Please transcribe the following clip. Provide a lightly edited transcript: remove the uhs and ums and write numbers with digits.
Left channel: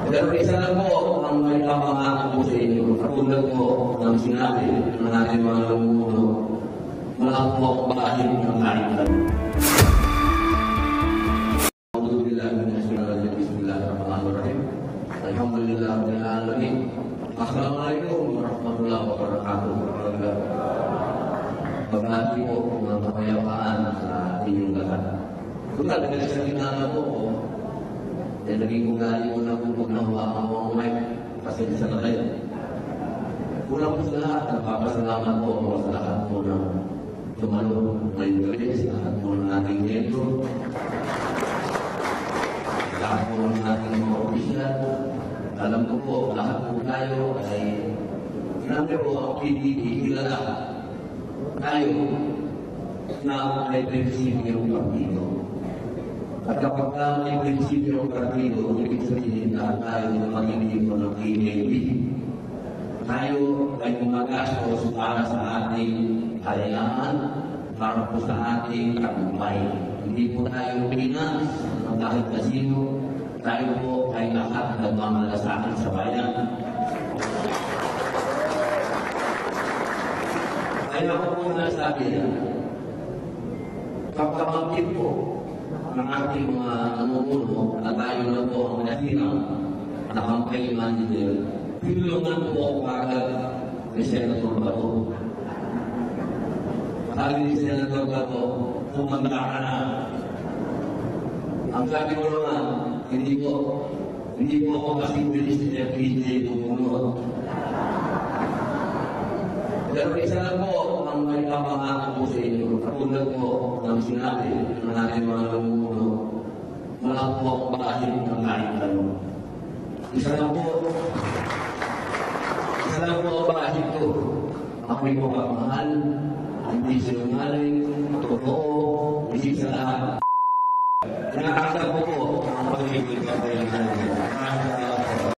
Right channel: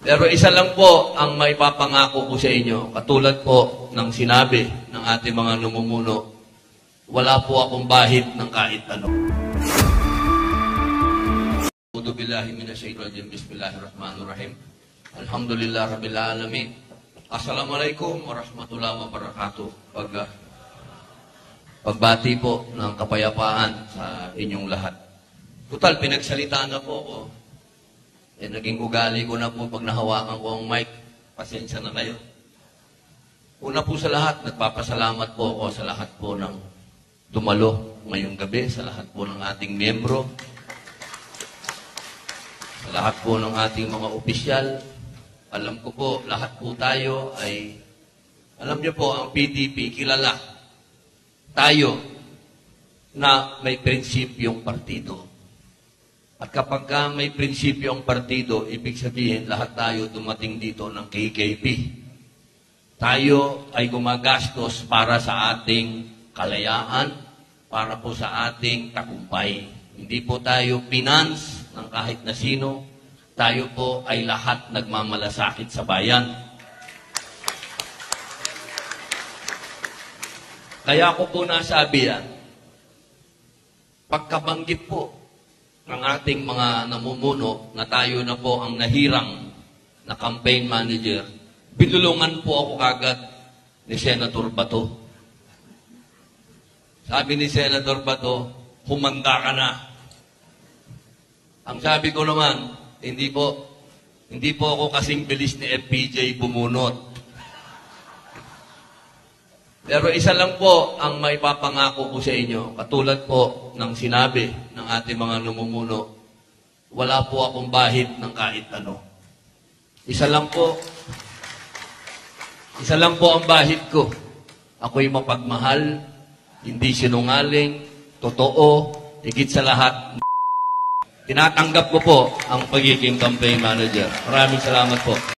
Pero isa lang po ang may papangako ko sa inyo. Katulad po ng sinabi ng ating mga namumuno, wala po akong bahid ng kahit ano. A'udhu billahi minasyaitonir rajim. Bismillahirrahmanirrahim. Alhamdulillah rabbil alamin. Assalamualaikum warahmatullahi wabarakatuh. Pagbati po ng kapayapaan sa inyong lahat. Total, pinagsalita na po ako. Naging ugali ko na po pag nahawakan ko ang mic. Pasensya na kayo. Una po sa lahat, nagpapasalamat po ako sa lahat po ng tumalo ngayong gabi, sa lahat po ng ating miyembro, sa lahat po ng ating mga opisyal. Alam ko po, lahat po tayo ay, alam niyo po, ang PDP, kilala tayo na may prinsipyong partido. At kapag may prinsipyo ang partido, ibig sabihin lahat tayo dumating dito ng KKP. Tayo ay gumagastos para sa ating kalayaan, para po sa ating tagumpay. Hindi po tayo finance ng kahit na sino. Tayo po ay lahat nagmamalasakit sa bayan. Kaya ko po nasabi yan, pagkabanggit po ang ating mga namumuno na tayo na po ang nahirang na campaign manager, binulungan po ako kagad ni Senator Bato. Sabi ni Senator Bato, humanda ka na. Ang sabi ko naman, hindi po ako kasing bilis ni FPJ bumunot. Pero isa lang po ang may papangako ko sa inyo. Katulad po ng sinabi ng ating mga namumuno, wala po akong bahid ng kahit ano. Isa lang po ang bahid ko. Ako'y mapagmahal, hindi sinungaling, totoo, higit sa lahat. Tinatanggap ko po ang pagiging campaign manager. Maraming salamat po.